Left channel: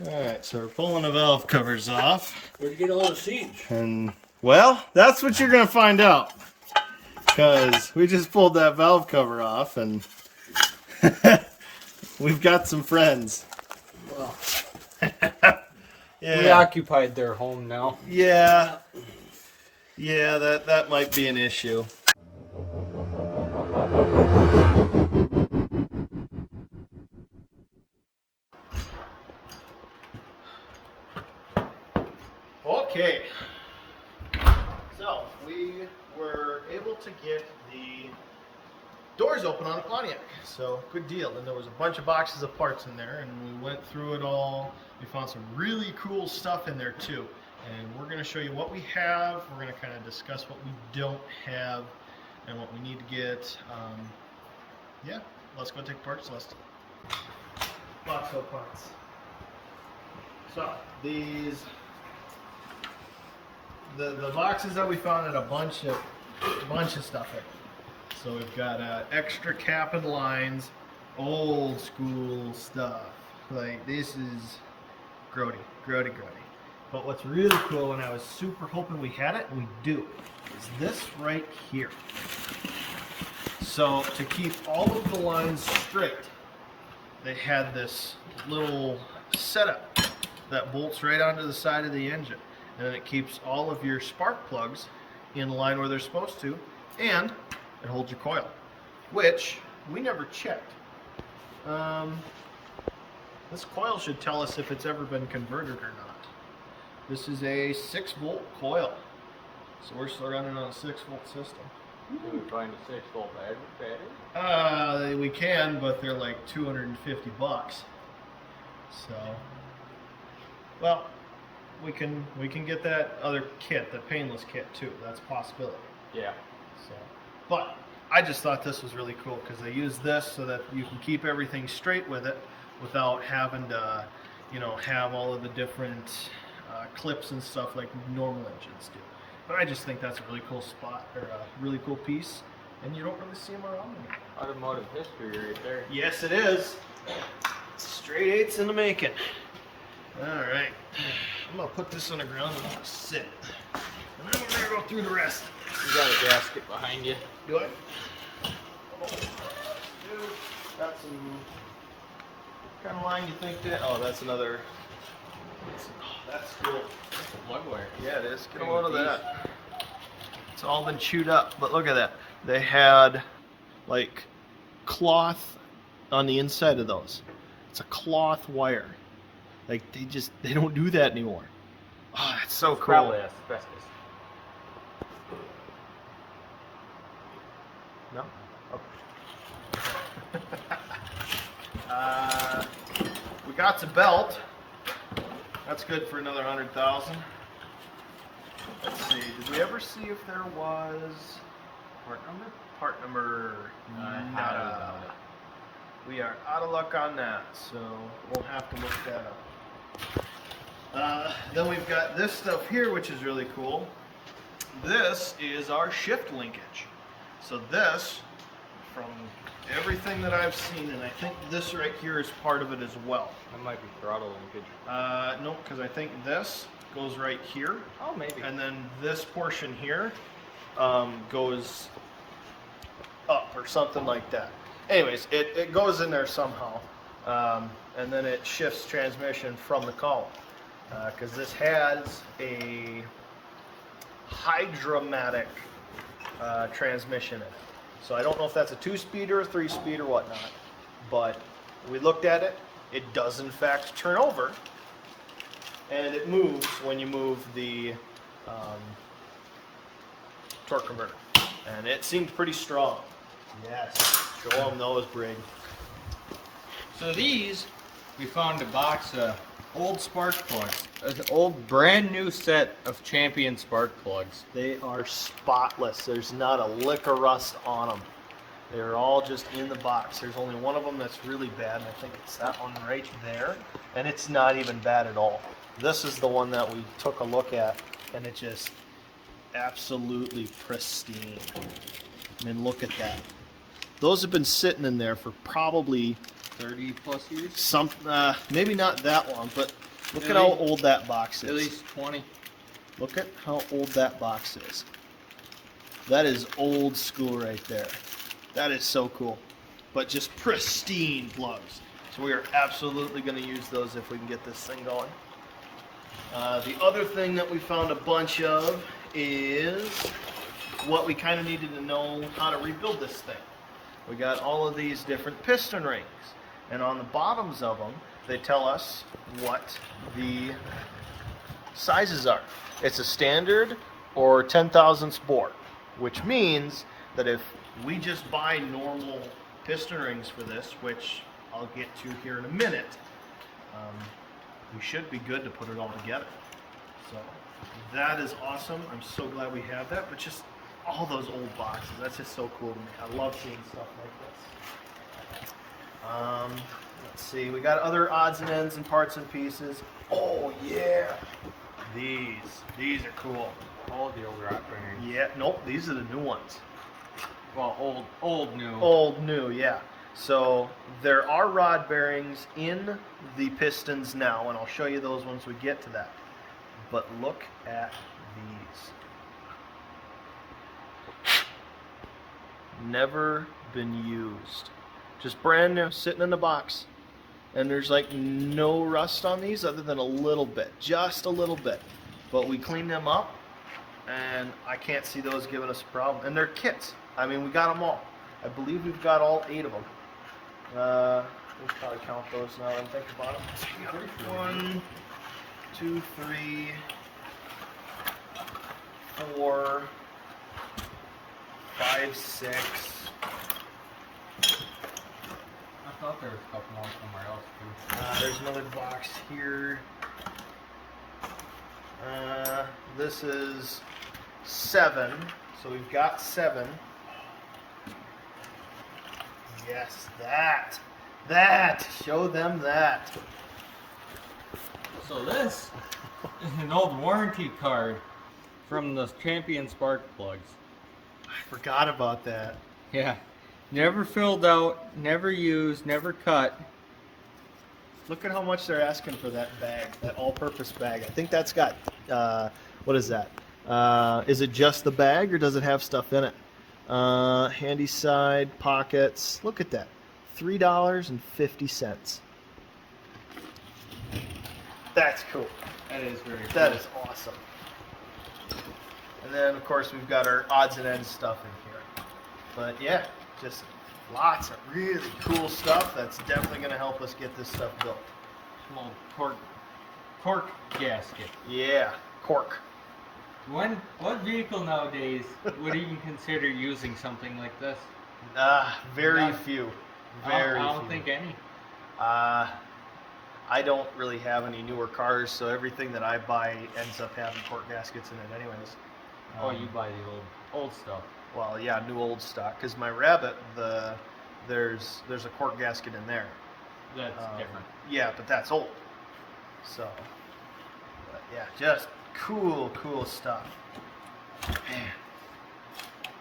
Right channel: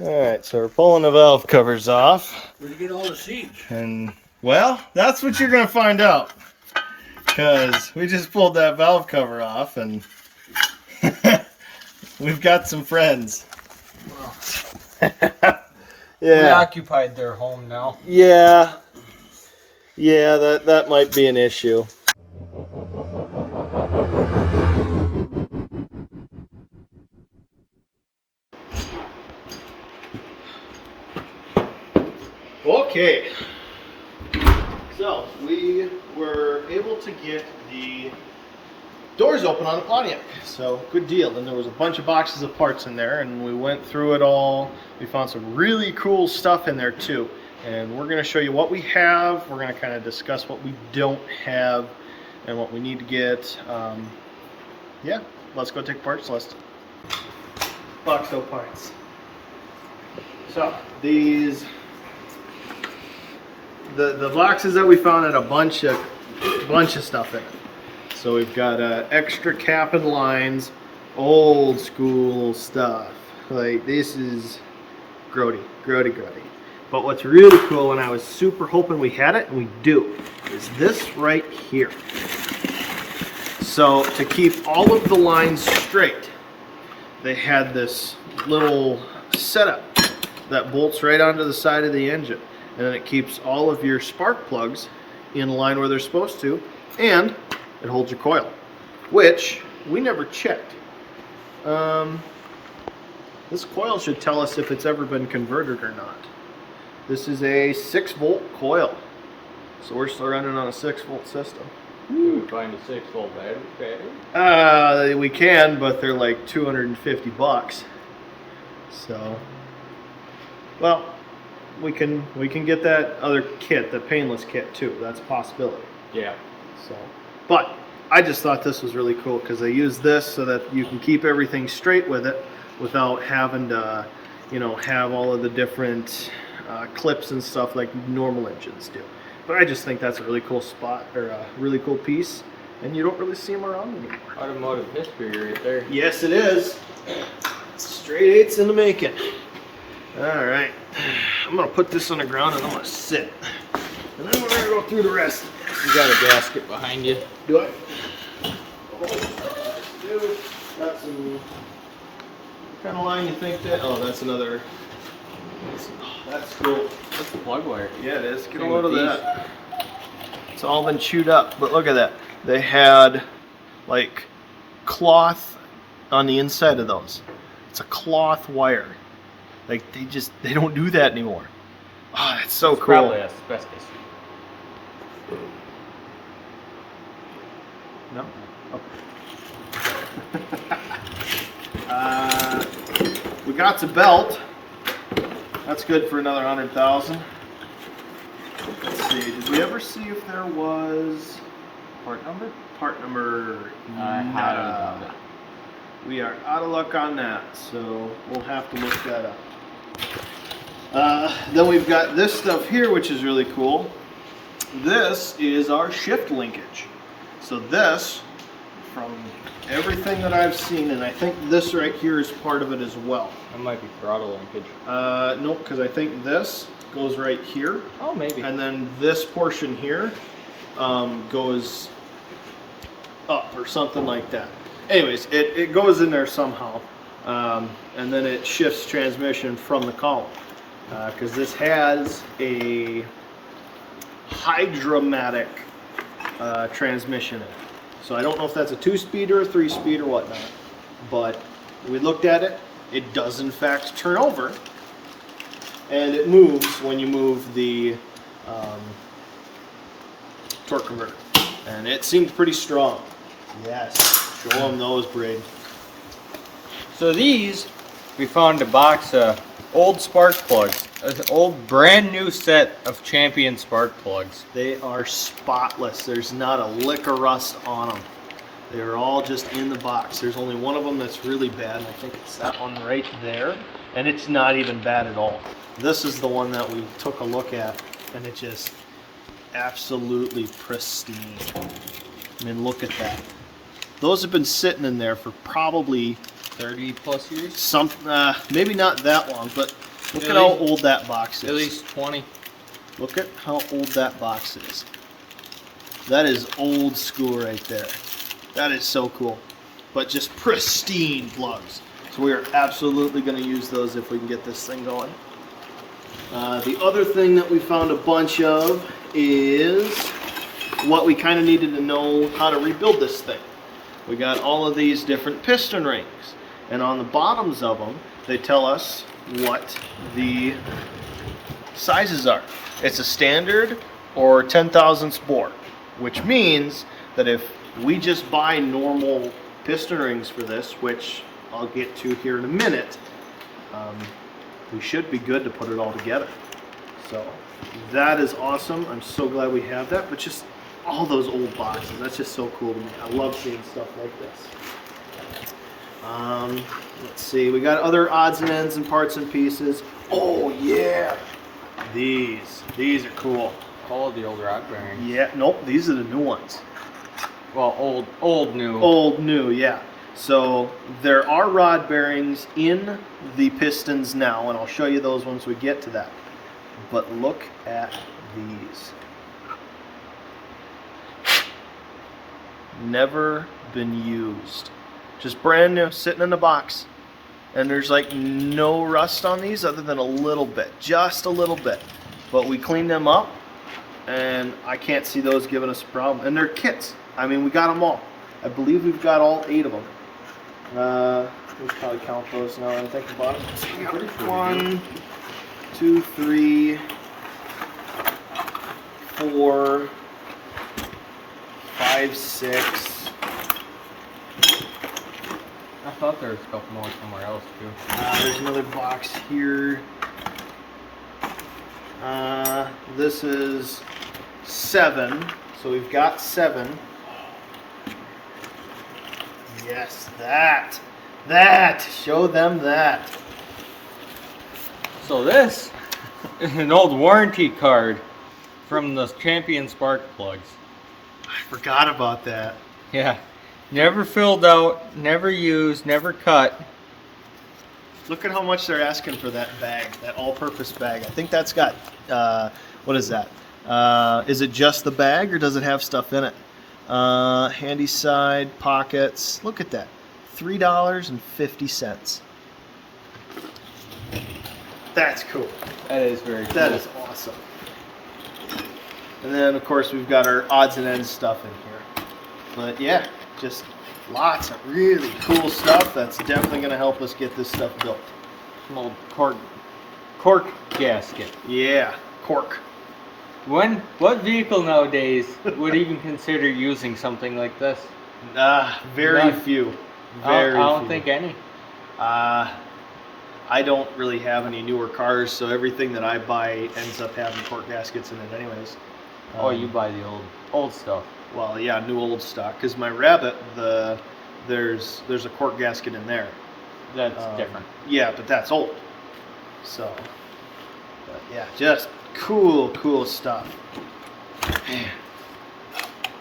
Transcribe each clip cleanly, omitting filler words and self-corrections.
Alright, so we're pulling the valve covers off. Where'd you get all the seeds? And, well, that's what you're going to find out. Because we just pulled that valve cover off and we've got some friends. Wow. We Yeah. occupied their home now. Yeah. Yeah, that might be an issue. Okay. So, we were able to get the doors open on the Pontiac. So, good deal. And there was a bunch of boxes of parts in there, and we went through it all. We found some really cool stuff in there too. And we're going to show you what we have. We're going to kind of discuss what we don't have and what we need to get. Yeah, let's go take parts list. Box of parts. So, these... The boxes that we found had a bunch of stuff in it. So we've got extra cap and lines, old school stuff. Like this is grody. But what's really cool, and I was super hoping we had it, and we do, is this right here. So to keep all of the lines straight, they had this little setup that bolts right onto the side of the engine. And then it keeps all of your spark plugs in line where they're supposed to, and it holds your coil, which we never checked. This coil should tell us if it's ever been converted or not. This is a 6-volt coil, so we're still running on a 6-volt system. Can we find a 6-volt battery? We can, but they're like $250. So, well. We can get that other kit, the painless kit too. That's a possibility. Yeah. So, but I just thought this was really cool because they use this so that you can keep everything straight with it without having to, have all of the different clips and stuff like normal engines do. But I just think that's a really cool spot or a really cool piece, and you don't really see them around anymore. Automotive history right there. Yes, it is. Straight 8s in the making. All right, I'm gonna put this on the ground and I'm gonna sit, and then we're gonna go through the rest. You got a gasket behind you. Do I? Oh, got some. What kind of line you think that? Oh, that's another. That's cool. That's the plug wire. Yeah, it is. Get a load of that. It's all been chewed up, but look at that. They had like cloth on the inside of those. It's a cloth wire. Like they don't do that anymore. Oh, that's so cool. Probably asbestos. No? Okay. We got the belt. That's good for another 100,000. Let's see. Did we ever see if there was Part number? part number? Nada. We are out of luck on that, so we'll have to look that up. Then we've got this stuff here, which is really cool. This is our shift linkage. So this, from everything that I've seen, and I think this right here is part of it as well. That might be throttle linkage. No, because I think this goes right here. Oh, maybe. And then this portion here goes up or something like that. Anyways, it goes in there somehow. And then it shifts transmission from the column. Because this has a Hydromatic transmission in it. So I don't know if that's a 2-speed or a 3-speed or whatnot. But we looked at it. It does in fact turn over. And it moves when you move the torque converter. And it seemed pretty strong. Yes. Show them those, Braid. So these, we found a box of old spark plugs. An old brand new set of Champion spark plugs. They are spotless. There's not a lick of rust on them. They're all just in the box. There's only one of them that's really bad, and I think it's that one right there. And it's not even bad at all. This is the one that we took a look at, and it just absolutely pristine. I mean, look at that. Those have been sitting in there for probably 30 plus years? Some, maybe not that long, but look At at how least- old that box is. At least 20. Look at how old that box is. That is old school right there. That is so cool. But just pristine plugs. So we are absolutely going to use those if we can get this thing going. The other thing that we found a bunch of is what we kind of needed to know how to rebuild this thing. We got all of these different piston rings. And on the bottoms of them, they tell us what the sizes are. It's a standard or 10 thousandths bore, which means that if we just buy normal piston rings for this, which I'll get to here in a minute, we should be good to put it all together. So that is awesome. I'm so glad we have that. But just all those old boxes, that's just so cool to me. I love seeing stuff like this. Let's see, we got other odds and ends and parts and pieces. Oh yeah, these are cool. All of the old rod bearings. Yeah, nope, these are the new ones. Well, old, new. Old, new, yeah. So there are rod bearings in the pistons now, and I'll show you those once we get to that. But look at these. Never been used. Just brand new, sitting in the box. And there's like no rust on these other than a little bit, just a little bit. But we cleaned them up, and I can't see those giving us a problem. And they're kits. I mean, we got them all. I believe we've got all 8 of them. We probably count those now that I think about it. Yeah, 1, 2, 3, 4, 5, 6. I thought there was a couple more somewhere else too. There's another box here. This is 7. So we've got 7. Yes, that. Show them that. So this is an old warranty card from the Champion spark plugs. I forgot about that. Yeah. Never filled out, never used, never cut. Look at how much they're asking for that bag, that all-purpose bag. I think that's got, what is that? Is it just the bag or does it have stuff in it? Handy side, pockets. Look at that. $3.50. That's cool. That is very cool. That is awesome. And then, of course, we've got our odds and ends stuff in here. But yeah, just lots of really cool stuff that's definitely going to help us get this stuff built. An old cork gasket. Yeah, cork. What vehicle nowadays would even consider using something like this? Very None. few. I Very don't few. think any. I don't really have any newer cars, so everything that I buy ends up having cork gaskets in it anyways. Oh, you buy the old stuff. Well, yeah, new old stock. Because my Rabbit, there's a cork gasket in there. That's different. Yeah, but that's old. So, but yeah, just cool stuff. Man,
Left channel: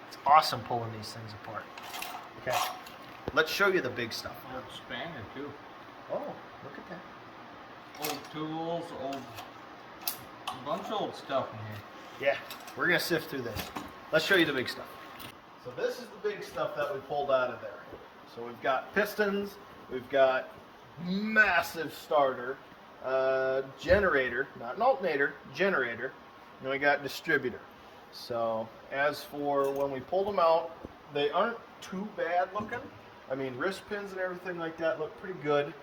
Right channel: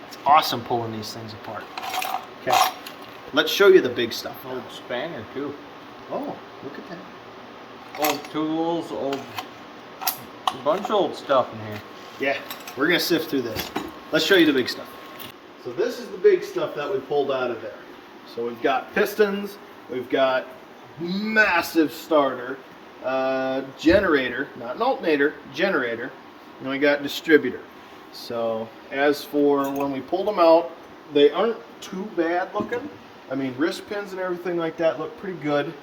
it's awesome pulling these things apart. Okay, let's show you the big stuff now. Old spanner too. Oh, look at that. Old tools, a bunch of old stuff in here. Yeah, we're gonna sift through this. Let's show you the big stuff. So this is the big stuff that we pulled out of there. So we've got pistons, we've got massive starter, generator, not an alternator, generator, and we got distributor. So as for when we pulled them out, they aren't too bad looking. I mean, wrist pins and everything like that look pretty good,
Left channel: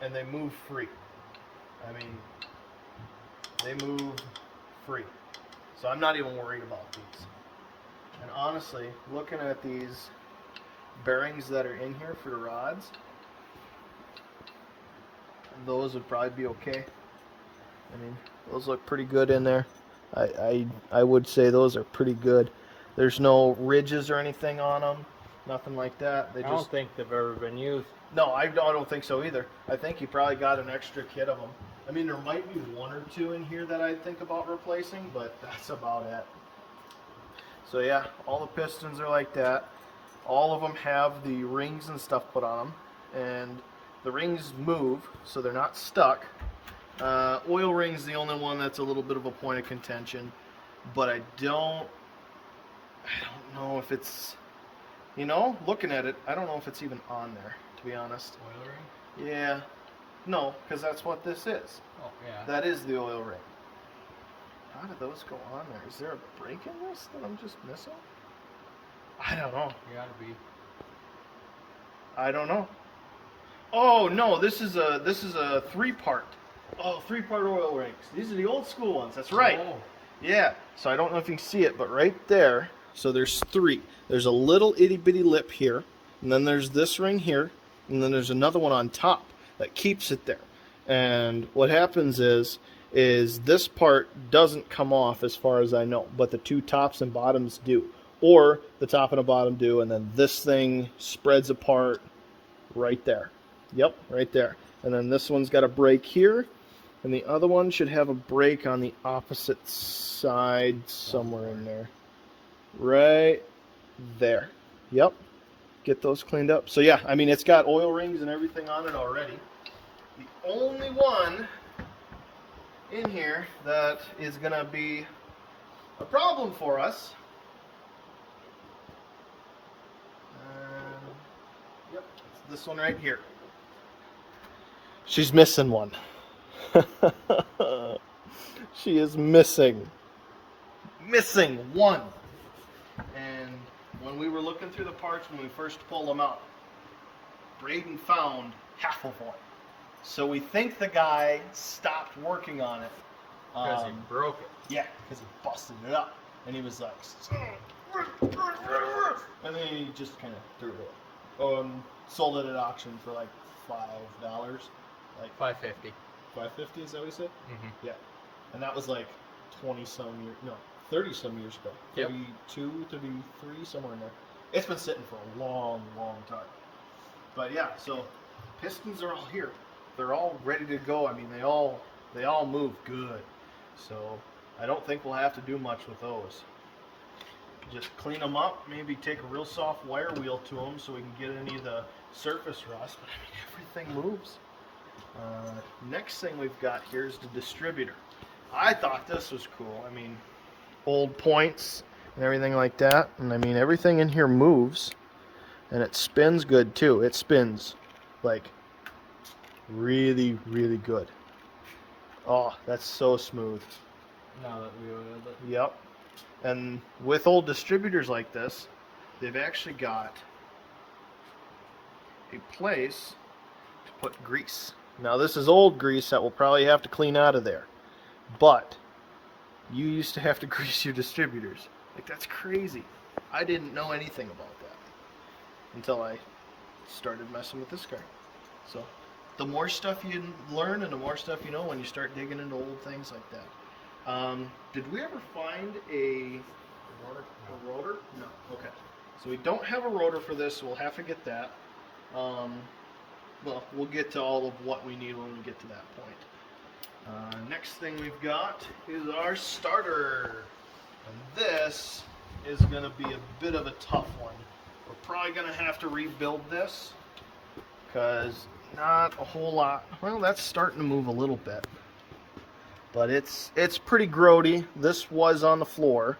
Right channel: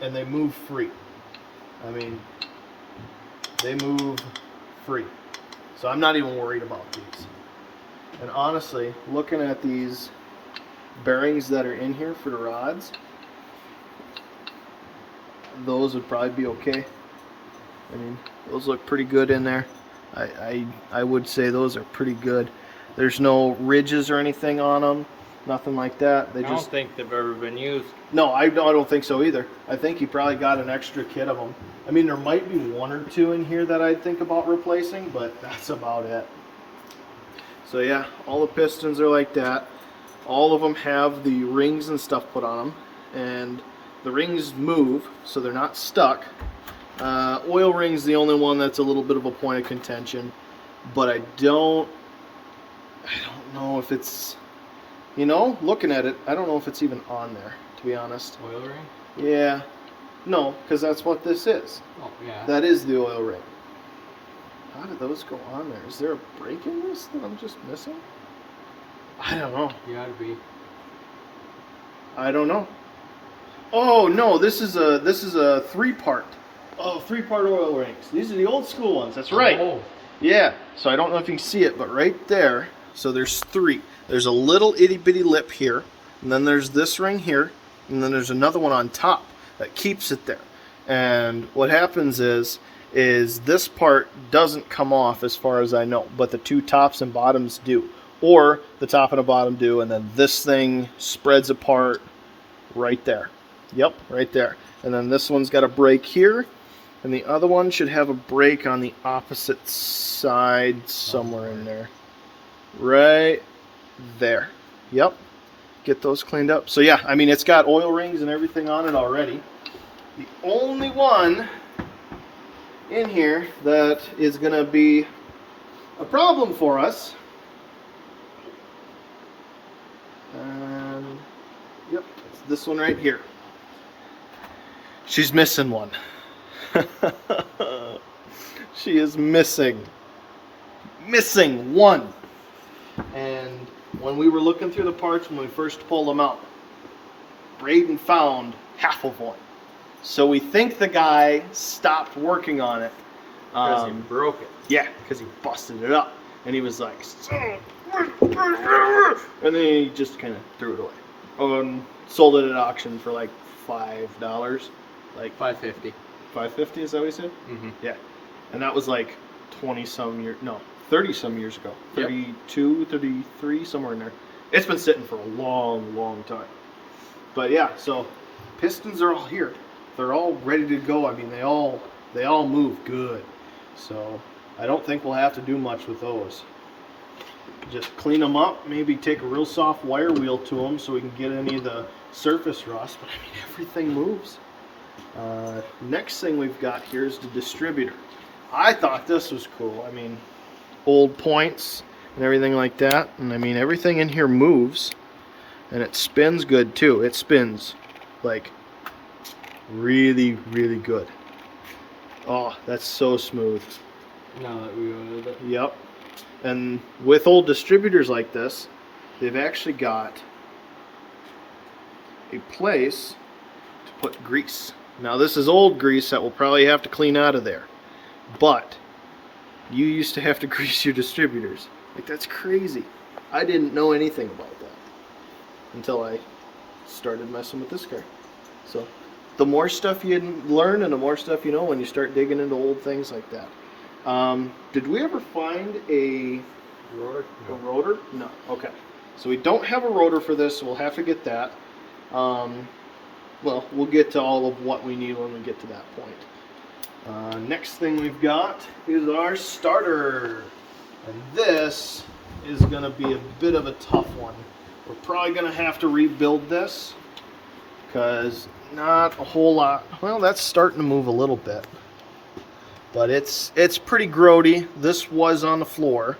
and they move free. I mean, they move free. So I'm not even worried about these. And honestly, looking at these bearings that are in here for the rods, those would probably be okay. I mean, those look pretty good in there. I would say those are pretty good. There's no ridges or anything on them, nothing like that. They I don't think they've ever been used. No, I don't think so either. I think he probably got an extra kit of them. I mean, there might be 1 or 2 in here that I'd think about replacing, but that's about it. So yeah, all the pistons are like that. All of them have the rings and stuff put on them, and The rings move, so they're not stuck. Oil ring's the only one that's a little bit of a point of contention, but I don't know if it's, looking at it, I don't know if it's even on there, to be honest. Oil ring? Yeah. No, because that's what this is. Oh, yeah. That is the oil ring. How did those go on there? Is there a break in this that I'm just missing? I don't know. You gotta be. I don't know. Oh no, this is a 3-part. Oh, 3-part oil rings. These are the old school ones. That's right. Oh. Yeah. So I don't know if you can see it, but right there. So there's 3. There's a little itty bitty lip here, and then there's this ring here, and then there's another one on top that keeps it there. And what happens is this part doesn't come off as far as I know, but the 2 tops and bottoms do. Or the top and the bottom do, and then this thing spreads apart right there. Yep, right there. And then this one's got a break here, and the other one should have a break on the opposite side somewhere in there. Right there. Yep. Get those cleaned up. So yeah, I mean, it's got oil rings and everything on it already. The only one in here that is going to be a problem for us, yep, it's this one right here. She's missing one. She is missing one. And when we were looking through the parts, when we first pulled them out, Braden found half of one. So we think the guy stopped working on it. Because he broke it. Yeah, because he busted it up. And he was like, and then he just kind of threw it away. Sold it at auction for like $5. Like $5.50. $5.50, is that what he said? Mm-hmm. Yeah. And that was like 20-some years, no, 30-some years ago. Yep. 32, 33, somewhere in there. It's been sitting for a long, long time. But yeah, so pistons are all here. They're all ready to go. I mean, they all move good. So I don't think we'll have to do much with those. Just clean them up, maybe take a real soft wire wheel to them so we can get any of the surface rust. But I mean, everything moves. Next thing we've got here is the distributor. I thought this was cool. I mean, old points and everything like that. And I mean, everything in here moves. And it spins good too. It spins like really, really good. Oh, that's so smooth. Now that we oiled it. Yep. And with old distributors like this, they've actually got a place to put grease. Now this is old grease that we'll probably have to clean out of there. But you used to have to grease your distributors. Like, that's crazy. I didn't know anything about that until I started messing with this car. So the more stuff you learn and the more stuff you know when you start digging into old things like that. Did we ever find a Rotor? a rotor? No. Okay. So we don't have a rotor for this, so we'll have to get that. Well, we'll get to all of what we need when we get to that point. Next thing we've got is our starter. And this is going to be a bit of a tough one. We're probably going to have to rebuild this because not a whole lot. Well, that's starting to move a little bit. But it's pretty grody. This was on the floor.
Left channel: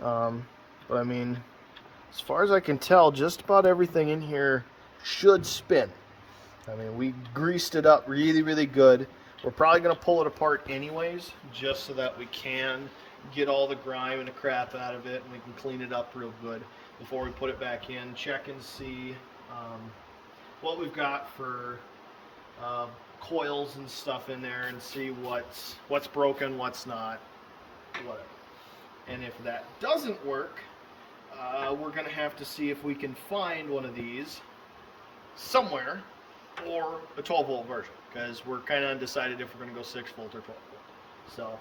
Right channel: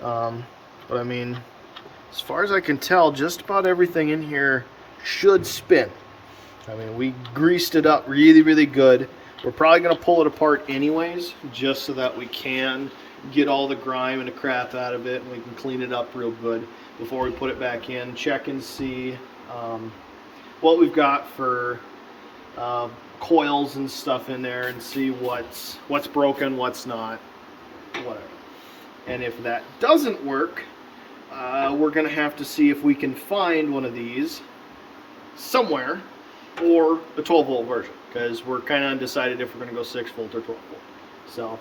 But I mean, as far as I can tell, just about everything in here should spin. I mean, we greased it up really, really good. We're probably going to pull it apart anyways, just so that we can get all the grime and the crap out of it, and we can clean it up real good before we put it back in. Check and see what we've got for coils and stuff in there, and see what's broken, what's not, whatever. And if that doesn't work, we're going to have to see if we can find one of these somewhere, or a 12-volt version, because we're kind of undecided if we're going to go 6-volt or 12-volt. So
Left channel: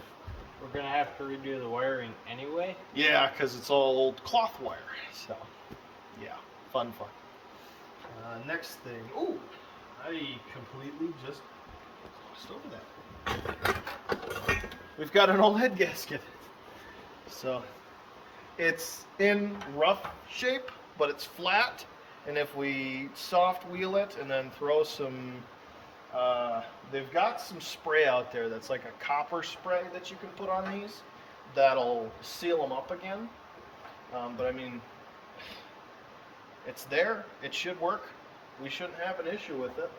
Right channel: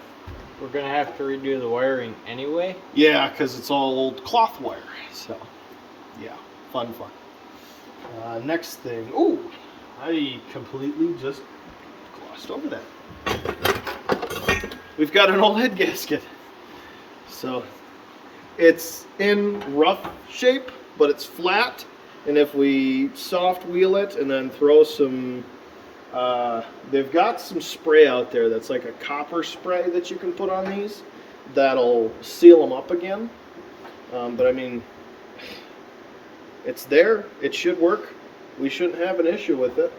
We're going to have to redo the wiring anyway. yeah, because it's all old cloth wire. So yeah, fun. Next thing. Ooh, I completely just glossed over that. We've got an old head gasket. So it's in rough shape, but it's flat, and if we soft wheel it and then throw some, they've got some spray out there that's like a copper spray that you can put on these that'll seal them up again. But I mean, it's there. It should work. We shouldn't have an issue with it.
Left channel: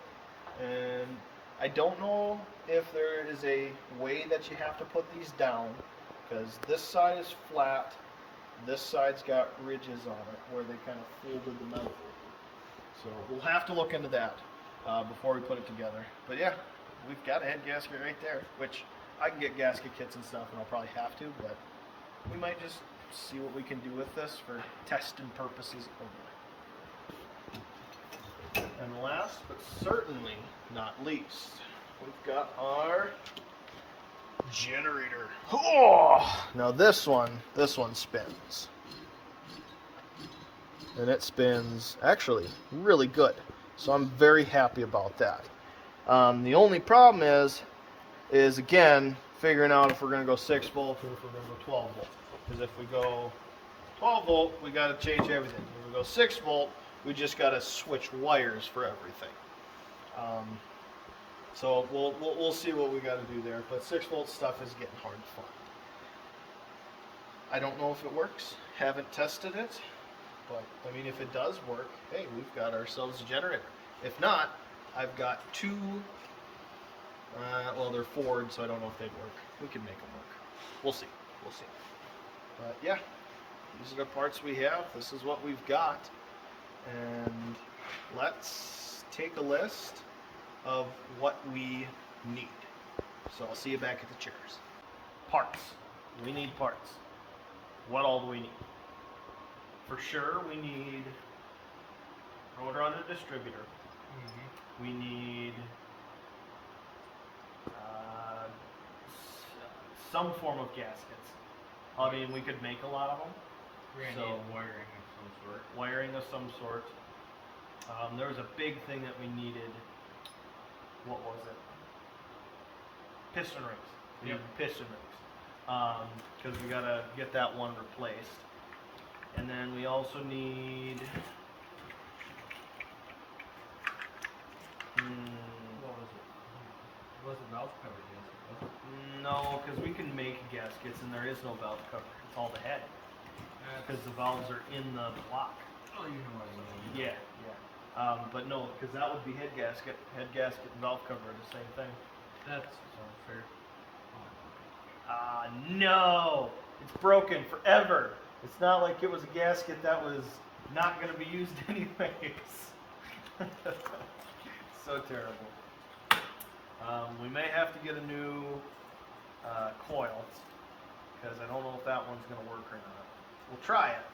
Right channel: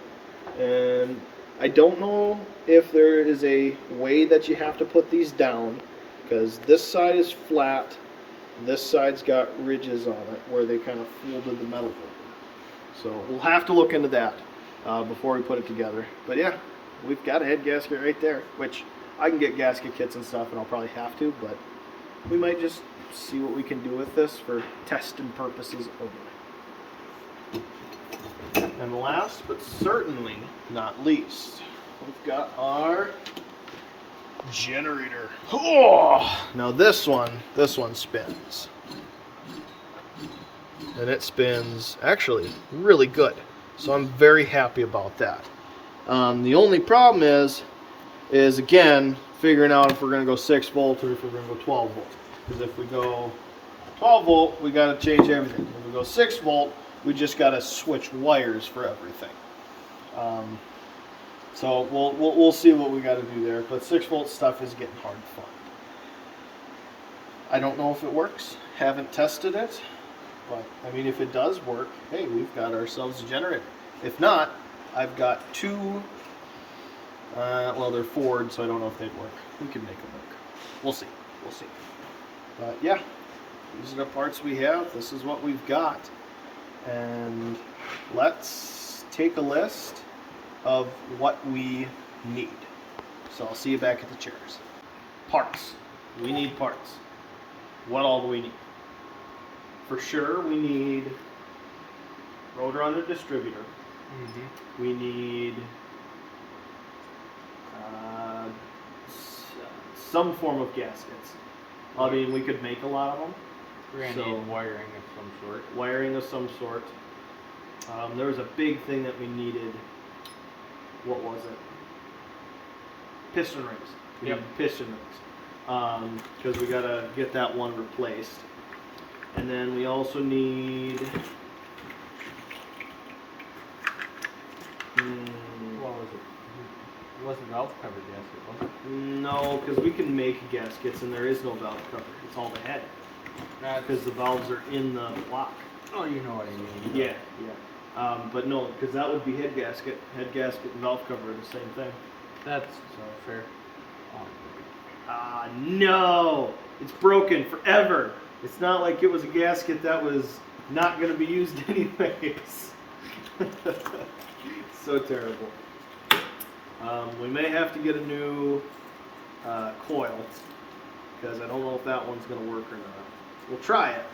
And I don't know if there is a way that you have to put these down, because this side is flat. This side's got ridges on it where they kind of folded the metal over. So we'll have to look into that before we put it together. But yeah, we've got a head gasket right there, which I can get gasket kits and stuff, and I'll probably have to, but we might just see what we can do with this for testing purposes only. And last but certainly not least, we've got our generator. Oh! Now this one spins. And it spins actually really good. So I'm very happy about that. The only problem is again, figuring out if we're going to go 6 volt or if we're going to go 12 volt. Because if we go 12 volt, we got to change everything. If we go 6 volt, we just got to switch wires for everything. So we'll see what we got to do there. But 6 volt stuff is getting hard to find. I don't know if it works. Haven't tested it. But I mean, if it does work, hey, we've got ourselves a generator. If not, I've got 2. Well, they're Ford, so I don't know if they'd work. We can make them work. We'll see. We'll see. But yeah, these are the parts we have. This is what we've got. And let's take a list of what we need. So I'll see you back at the chairs. Parts. We need parts. What all do we need? For sure, we need rotor under distributor. Mm-hmm. We need some form of gaskets. I mean, we could make a lot of them. We're going to need wiring of some sort. Wiring of some sort. There was a big thing that we needed. What was it? Piston rings. We needed piston rings. Because we got to get that one replaced. And then we also need... What was it? It wasn't valve cover gasket, was it? No, because we can make gaskets and there is no valve cover. It's all the head. Because the valves are in the block. Oh, you know what I mean. Yeah, yeah. But no, because that would be head gasket. Head gasket and valve cover are the same thing. That's so fair. No! It's broken forever. It's not like it was a gasket that was not going to be used anyways. So terrible. We may have to get a new coil, because I don't know if that one's going to work or not. We'll try it,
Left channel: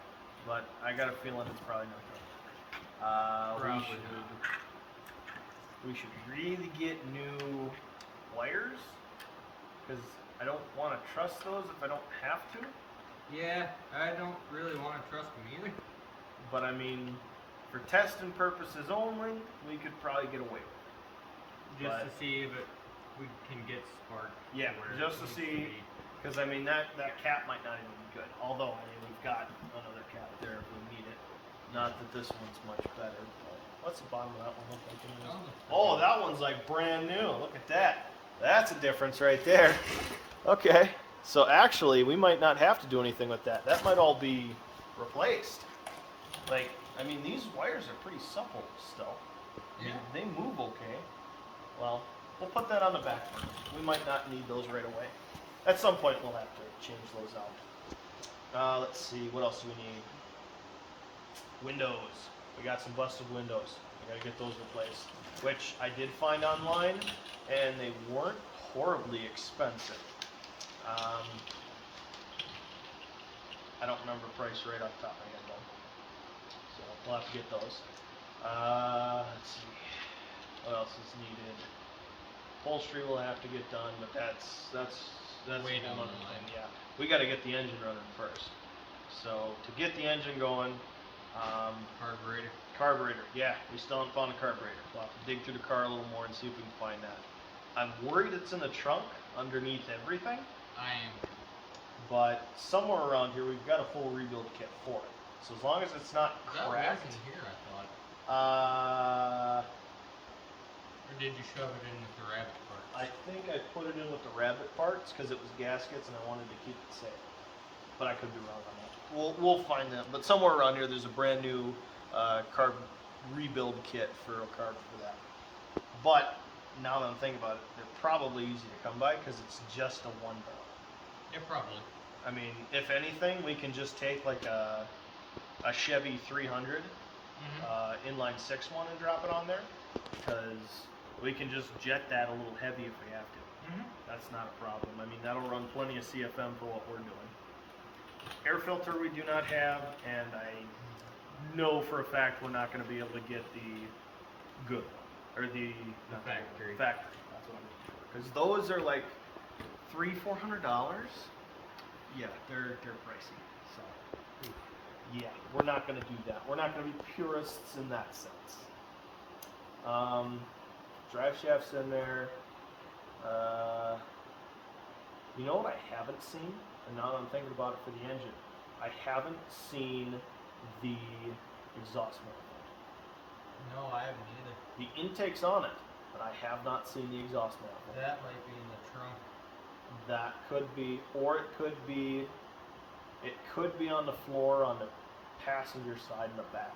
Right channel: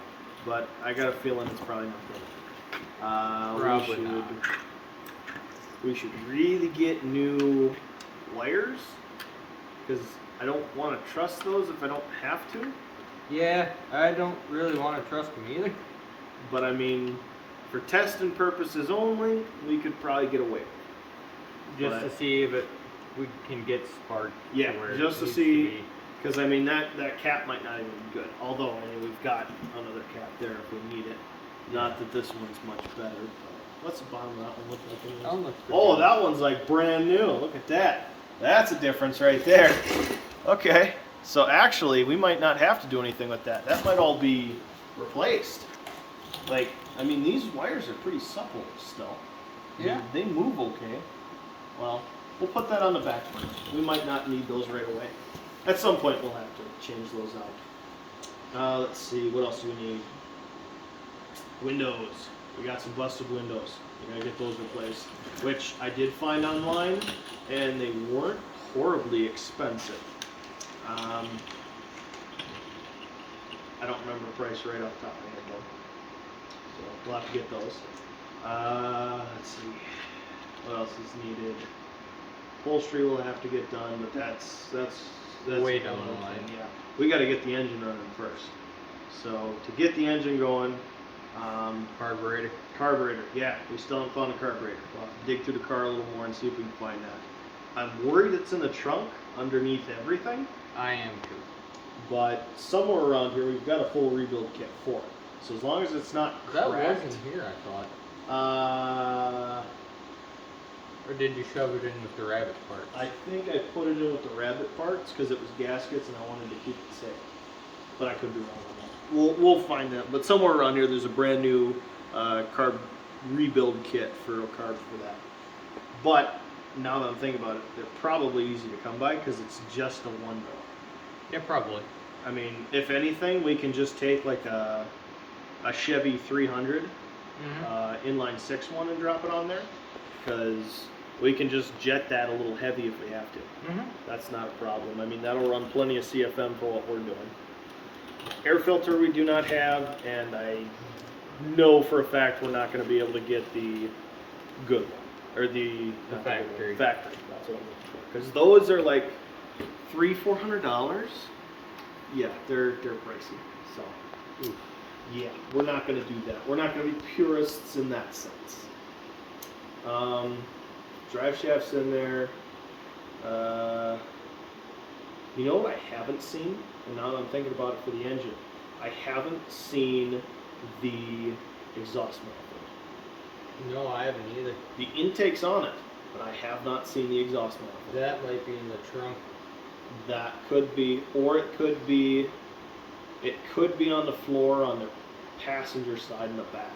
but I got a feeling it's probably not going to work. We should really get new wires, because I don't want to trust those if I don't have to. Yeah, I don't really want to trust them either. But I mean, for testing purposes only, we could probably get away. Just to see if we can get spark. Yeah, just to see, because I mean that cap might not even be good. Although I mean we've got another cap there if we need it. Not that this one's much better. But what's the bottom of that one look like? That one looks oh, that one's like brand new. Look at that. That's a difference right there. Okay, so actually we might not have to do anything with that. That might all be replaced. Like, I mean, these wires are pretty supple still. Yeah. They move okay. Well, we'll put that on the back burner. We might not need those right away. At some point we'll have to change those out. Let's see, what else do we need? Windows. We got some busted windows. We gotta get those replaced. Which I did find online, and they weren't horribly expensive. I don't remember the price right off the top of my head though. So we'll have to get those. Let's see. What else is needed? Upholstery will have to get done, but that's way down the line. Yeah, we got to get the engine running first. So to get the engine going, carburetor. Yeah, we still haven't found a carburetor. We'll have to dig through the car a little more and see if we can find that. I'm worried it's in the trunk underneath everything. I am too. But somewhere around here we've got a full rebuild kit for it. So as long as it's not That cracked. wasn't here, I thought. Uh, Or did you shove it in with the rabbit parts? I think I put it in with the rabbit parts because it was gaskets and I wanted to keep it safe. But I could be wrong on that. We'll find that. But somewhere around here, there's a brand new carb rebuild kit for a carb for that. But now that I'm thinking about it, they're probably easy to come by because it's just a one door. Yeah, probably. I mean, if anything, we can just take like a Chevy 300 inline 6 one and drop it on there because we can just jet that a little heavy if we have to. That's not a problem. I mean, that'll run plenty of CFM for what we're doing. Air filter we do not have, and I know for a fact we're not going to be able to get the good one or the factory. Factory. That's what I'm looking for. Because those are like $300-400. Yeah, they're pricey. So yeah, we're not going to do that. We're not going to be purists in that sense. Drive shafts in there. You know what I haven't seen? And now that I'm thinking about it for the engine, I haven't seen the exhaust manifold. No, I haven't either. The intake's on it, but I have not seen the exhaust manifold. That might be in the trunk. That could be, or it could be on the floor on the passenger side in the back.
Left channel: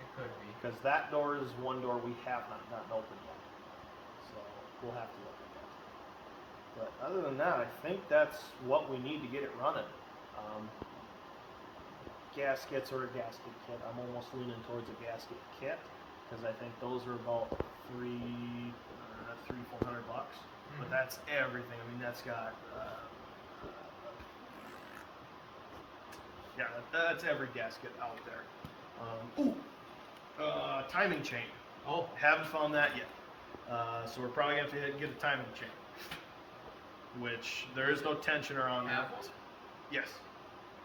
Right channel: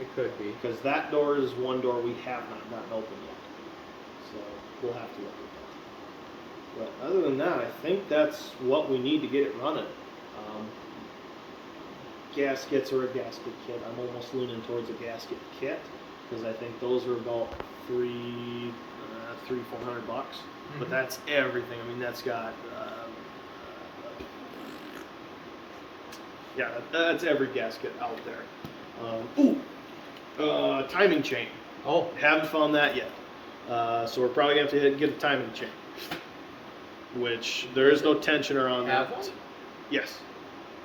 It could be. Because that door is one door we have not gotten open yet. So we'll have to look at that. But other than that, I think that's what we need to get it running. Gaskets or a gasket kit. I'm almost leaning towards a gasket kit because I think those are about $300-400. But that's everything. I mean, that's got yeah, that's every gasket out there. Timing chain. Oh, Haven't found that yet. So we're probably going to have to get a timing chain. Which there is no tensioner on that. Have one? Yes.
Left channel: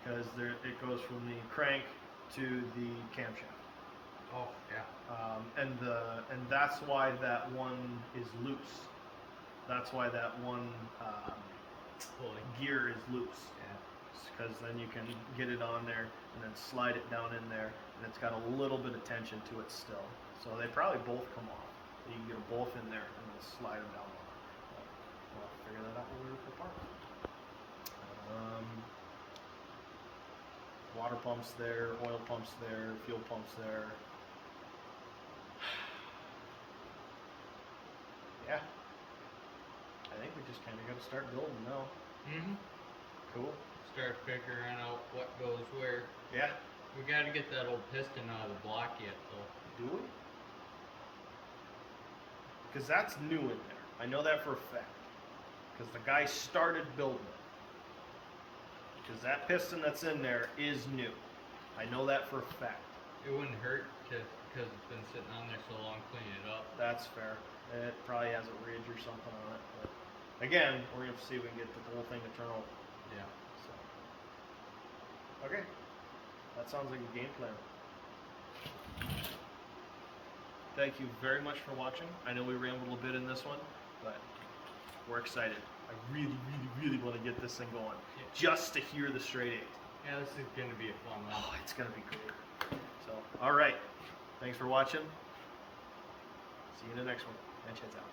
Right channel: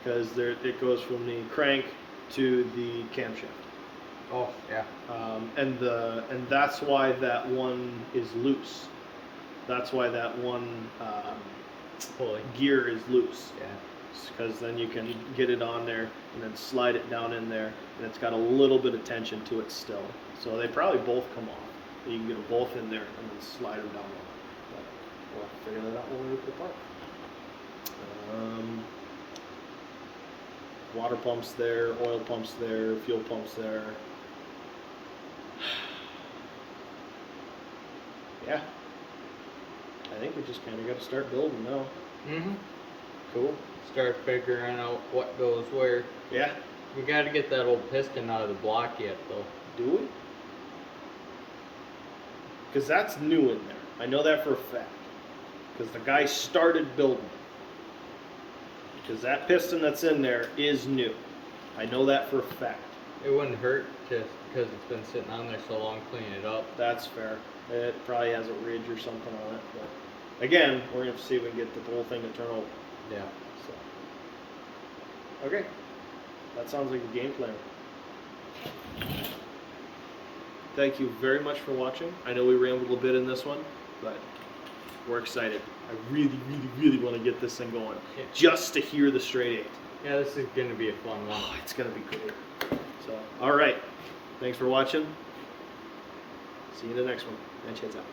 Because it goes from the crank to the camshaft. oh, yeah. And that's why that one is loose. That's why that one Pulley. gear is loose. Yeah. Because then you can get it on there and then slide it down in there, and it's got a little bit of tension to it still. So they probably both come off. You can get them both in there and then slide them down. But we'll have to figure that out when we rip it apart. Water pumps there, oil pumps there, fuel pumps there. Yeah. I think we just kind of got to start building now. Cool. Start figuring out what goes where. Yeah. We got to get that old piston out of the block yet, though. Do we? Because that's new in there. I know that for a fact. Because the guy started building it. Because that piston that's in there is new. I know that for a fact. It wouldn't hurt just because it's been sitting on there so long, clean it up. That's fair. It probably has a ridge or something on it. But again, we're going to see if we can get the whole thing to turn over. Yeah. So. Okay. That sounds like a game plan. Thank you very much for watching. I know we rambled a bit in this one, but we're excited. I really want to get this thing going. Yeah. Just to hear the straight 8. Yeah, this is going to be a fun one. Oh, it's going to be great. So, all right. Thanks for watching. See you in the next one. Manchett's out.